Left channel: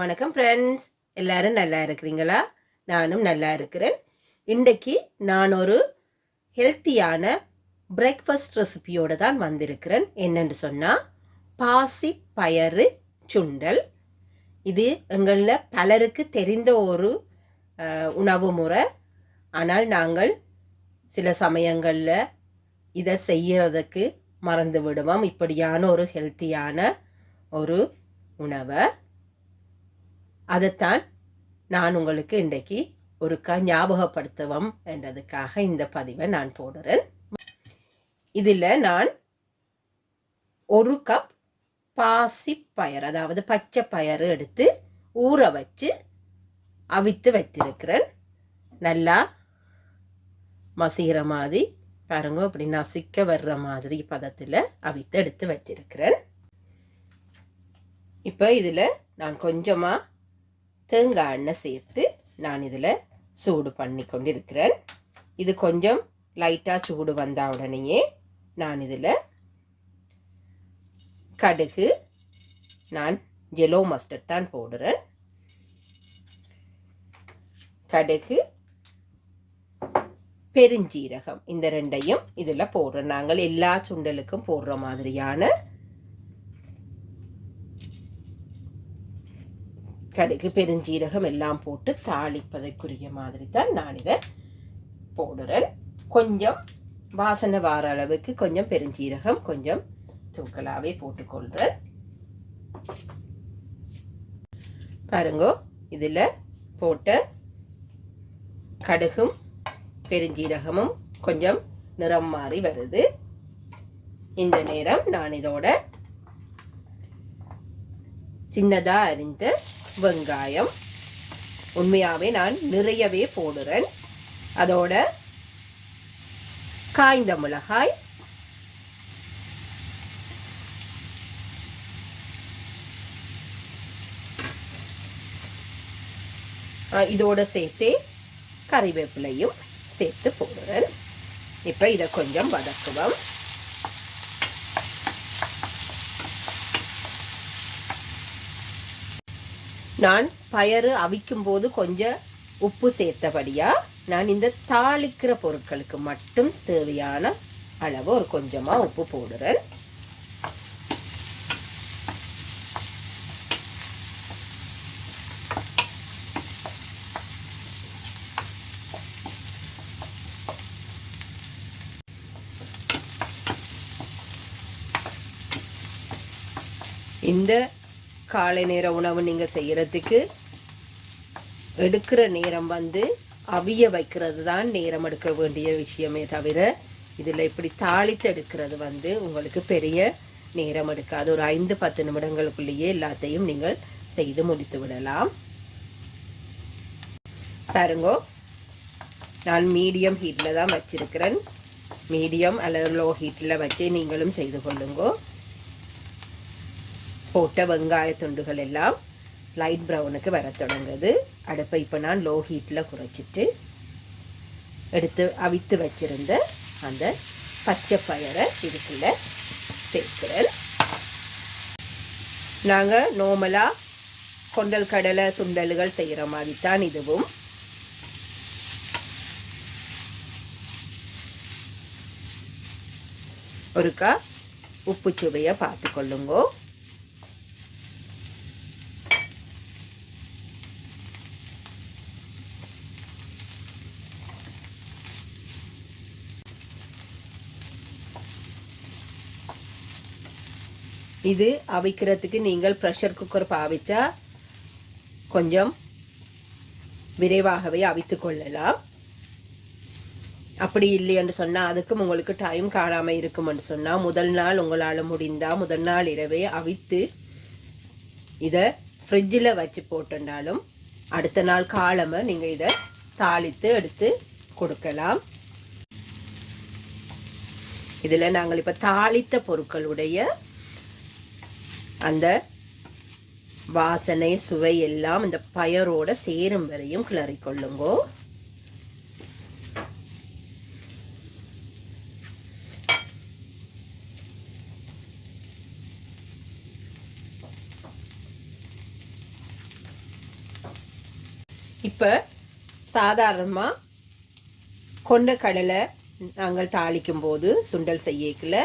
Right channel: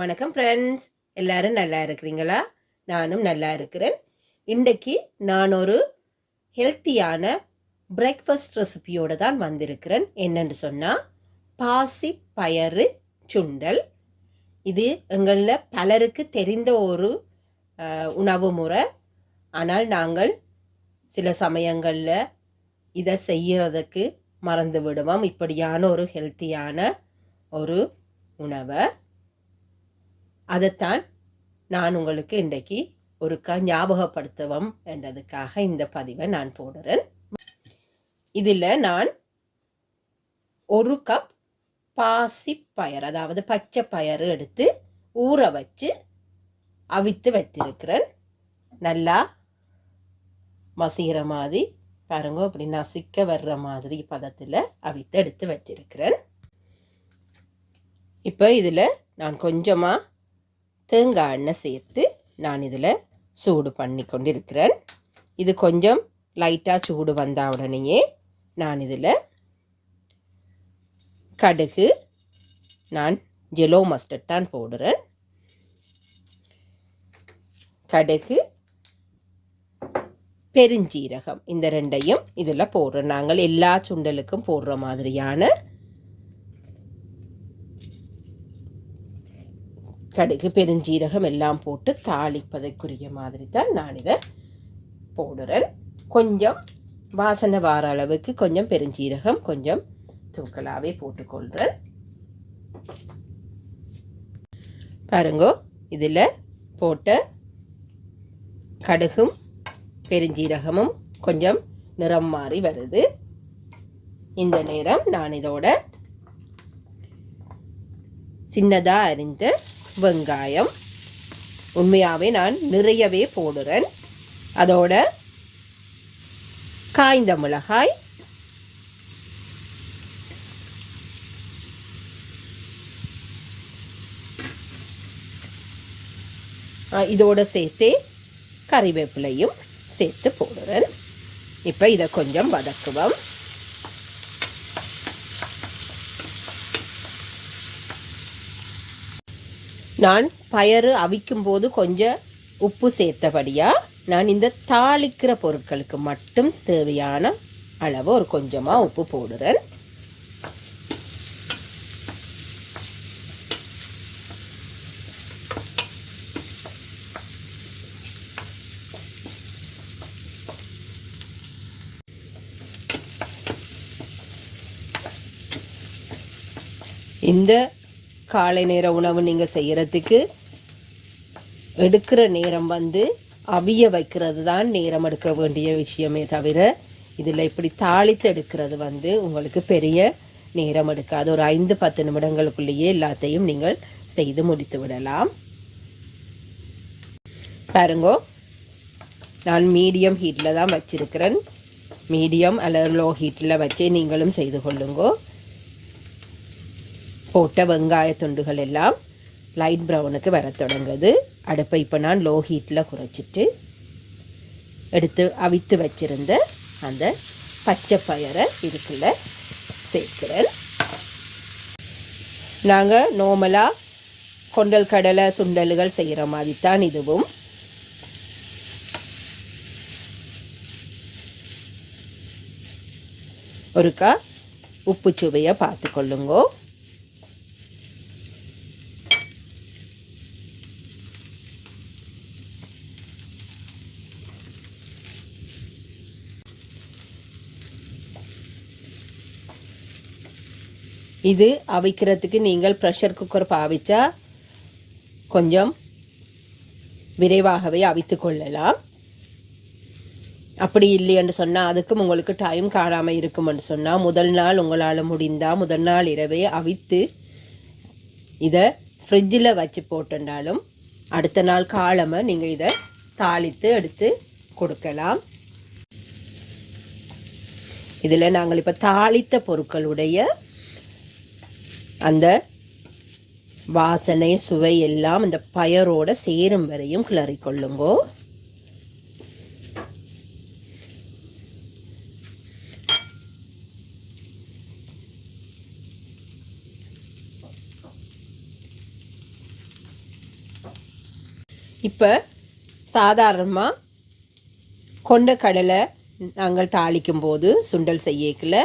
வணக்கம் ஃப்ரெண்ட்ஸ். எல்லாரும் நல்லா இருக்கிறீங்களா? நானும் நல்லா இருக்கிறேன். இன்றைக்கு நான் ஒரு ஹெல்த்தியான பிரேக்ஃபாஸ்ட் ரெசிபியோடு தான் வந்திருக்கிறேன். என்னென்னு சொன்னால் பாசி பயறு சுண்டல். இது எங்களில் பலருக்கு தெரிந்த ஒரு உணவு முறை. ஆனால் நாங்கள் சில சமயங்களில் இதை செய்கிறதுக்கு மறந்து விடுவோம். இப்படியான ஒரு ஹெல்த்தியான ஒரு உணவை அதைத்தான் நான் உங்களுக்கு இன்றைக்கு ஒருக்கா ஞாபகப்படுத்துவோம் என்றதுக்காக இந்த பதிவை நான் போடுறேன். இதில் நான் 1 கப் பாசி பயறு, அதாவது பச்சை பயறு எடுத்து ஊற வச்சு அவித்து வைத்திருக்கிறேன். நல்லா மசிகிற மாதிரி பாருங்க, இப்படி நசிக்க வர்ற மாதிரி பதத்தில் அவித்து எடுத்து வச்சிருக்கிறேன். இப்போ இதில் நான் கொஞ்சமாக தேங்காய் எண்ணெய் சேர்த்து நான் இதில் சூடு பண்ணி கொண்டிருக்கிறேன். இது கொஞ்சம் லைட்டாக சூடு வந்த உடனேயே நான் இதில் கடுகு, நான் ஜெலோ மஸ்டர்ட் தான் போடுறேன். கடுகு, பெருஞ்சீரகம், இந்த ரெண்டையும் இதில் போடுறேன். நாங்கள் எல்லா சுண்டலுக்கும் போடுற மாதிரியான கடுகு பெருஞ்சீரகம் எல்லாம் போட்டு தாளிப்பதற்குரிய மாதிரி தான் நான் இதை போடுறேன். கொஞ்சம் வாசனை வார அளவுக்கு கொஞ்சம் பெருஞ்சீரகம் கொஞ்சம் தூக்கலாகவே போட்டுக்கொள்கிறேன். பாருங்கோ, இதில் போட்ட கடுகும் பெருஞ்சீரகமும் கொஞ்சம் நிறம் மாறி வருது. இந்த நேரம் நான் இதோட சின்னதாக அரிந்த வெங்காயம், உண்மையாகவே நான் நிறையவே போடுறேன். அதோட காய்ந்த மிளகாய், இதோட சேர்த்து கறிவேப்பிலையும் சேர்த்து போடுறேன். இப்போ இதை கொஞ்சம் வதக்குவோம். நான் பயறு அவிக்கும் போது கொஞ்சம் உப்பு சேர்த்தபடியாக நான் இந்த தாளிக்கிற பொருட்களுக்கு மட்டும் தேவையான அளவு ஒரு கொஞ்சமாக உப்பு போடுறேன். இந்த காலை நேர உணவு நீங்கள் செய்கிறதுக்கு எடுக்கிற நேரம் அவிய வைக்கிறது தான் நேரம் எடுக்க வேண்டிய விஷயமே தவிர இதில் இப்படி தாளித்து எடுக்கிறது உங்களுக்கு பெரிய நேரம் எடுக்காது. ஒரு 5-10 நிமிடங்களுக்குள்ளேயே எல்லாத்தையும் நீங்கள் செய்து முடித்து விடலாம். பாருங்கோ, நான் மீடியம் ஹீட்டில் தான் வச்சிருக்கிறேன். மீடியம் அல்லது லோ ஹீட்டில் வச்சு நீங்களும் செய்து கொள்ளுங்கோ. போட்ட வெங்காய துண்டுகள் எல்லாம் லைட் ப்ரௌனுக்கு வர தொடங்குது. அடுப்பை இப்போ நான் லோ ஹீட்டில் குறைச்சிட்டு எடுத்து அவித்து வச்சிருந்த அந்த பச்சை பயரை இதுக்குள்ள சேர்க்கிறேன். நாங்கள் நார்மலாக கொண்டல் கடலை சுண்டல்கள் செய்கிற மாதிரி தான் இதுவும். ஒருக்கா உப்பு சுவையை பார்த்து கொள்ளுங்கோ. இது அவிக்கிறதுக்கு நீங்கள் ப்ரெஷர் குக்கர் பாவிச்சா கொஞ்சம் விரைவாகவே அவித்து கொள்ளலாம். அப்படி இல்லைன்னு சொன்னால் அதுக்கும் உங்களுக்கு டைம் காணாமல் இருக்குமென்னு சொன்னால் முதல் நாள் உங்களால் முடிந்தால் முதல் நாள் இரவே அவித்து இதை ஃப்ரிட்ஜில் வச்சு போட்டுண்டாலும் அடுத்த நாள் காலமாக நீங்கள் இதை தாளித்து எடுத்து கொடுக்கலாம். இதில் நாங்கள் இப்போ தாளித்த பொருட்களுடைய அந்த வாசனை சுவை எல்லாம் இந்த பயரோட சேரும் வரையும் கிளறி கொள்ளுங்கோ. இப்போ சாதாரணமாக கொண்ட கடலை நாங்கள் தாளிக்கும் போது சுண்டல் செய்யக்குள்ள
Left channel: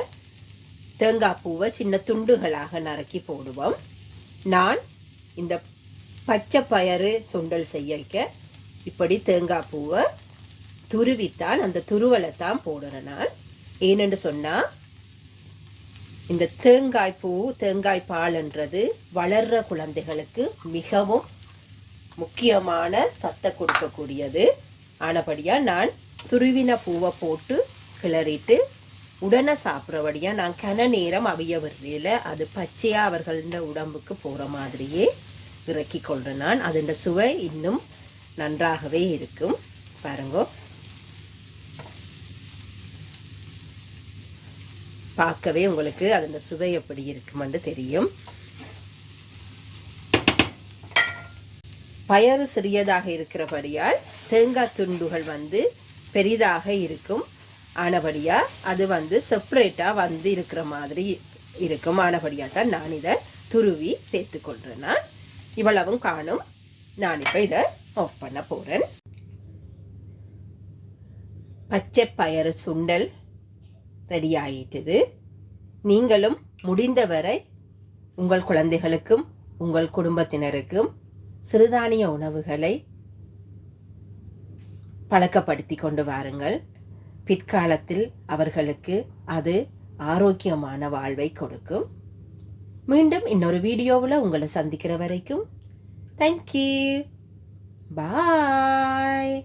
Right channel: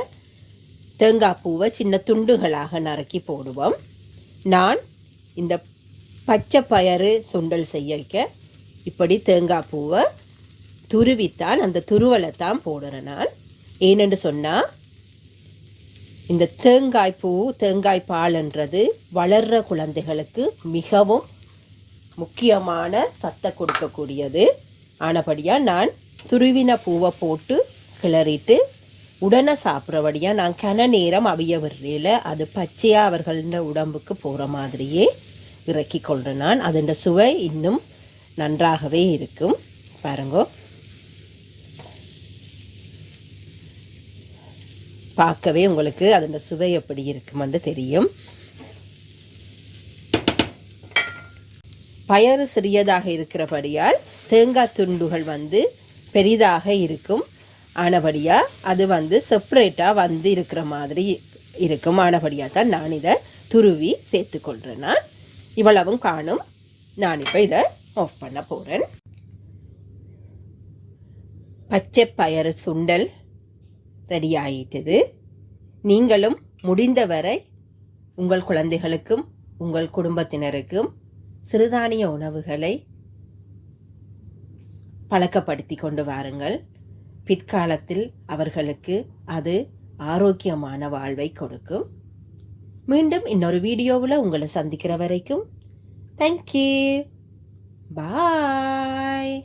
தேங்காய் பூவை சின்ன துண்டுகளாக நறுக்கி போடுவோம். நான் இந்த பச்சை பயறு சுண்டல் செய்யக்க இப்படி தேங்காய் பூவை துருவித்தான், அந்த துருவலை தான் போடுறேன் நான். ஏனென்று சொன்னால் இந்த தேங்காய் பூ தேங்காய் பால்ன்றது வளர்கிற குழந்தைகளுக்கு மிகவும் முக்கியமான சத்தை கொடுக்கக்கூடியது. ஆனபடியாக நான் துருவின பூவை போட்டு கிளறிட்டு உடனே சாப்பிட்றபடியாக நான் கன நேரம் அவிய விடுறேல அது பச்சையாக அவர்கள உடம்புக்கு போகிற மாதிரியே இறக்கி கொள்கிறேன் நான். அதோட சுவை இன்னும் நன்றாகவே இருக்கும். பாருங்கோ, பார்க்கவே உங்களுக்கு அதோட சுவை எப்படி இருக்குமென்று தெரியும். பயறு சிறியதாக இருக்கிறபடியால் தேங்காய் துண்டுகள் பெரிதாக இருக்கும். ஆனபடியாக அது செப்பரேட்டாக இருக்கிற மாதிரி இருக்கும். ஆனபடியாக தான் நான் இதை துருவி சேர்த்துக்கொள்கிறேன். நான் இவ்வளவும் காணும். நான் இப்போ இதை ஆஃப் பண்ண போகிறேன். பச்சை பயறு சுண்டல் ரெடி ஆகிட்டுது. நீங்களும் முடிந்தவரை உங்கள் குழந்தைகளுக்கும் உங்கள் குடும்பத்தினருக்கும் சிறுதானிய உணவுகளை பழக்கப்படுத்தி கொண்டு வாருங்கள். பிற்காலத்தில் அவர்களுக்கு அது ஆரோக்கியமான வாழ்வை கொடுக்கும். மீண்டும் இன்னொரு வீடியோவில் உங்களை சந்திக்கிற வரைக்கும் தேங்க்யூ, பாய்.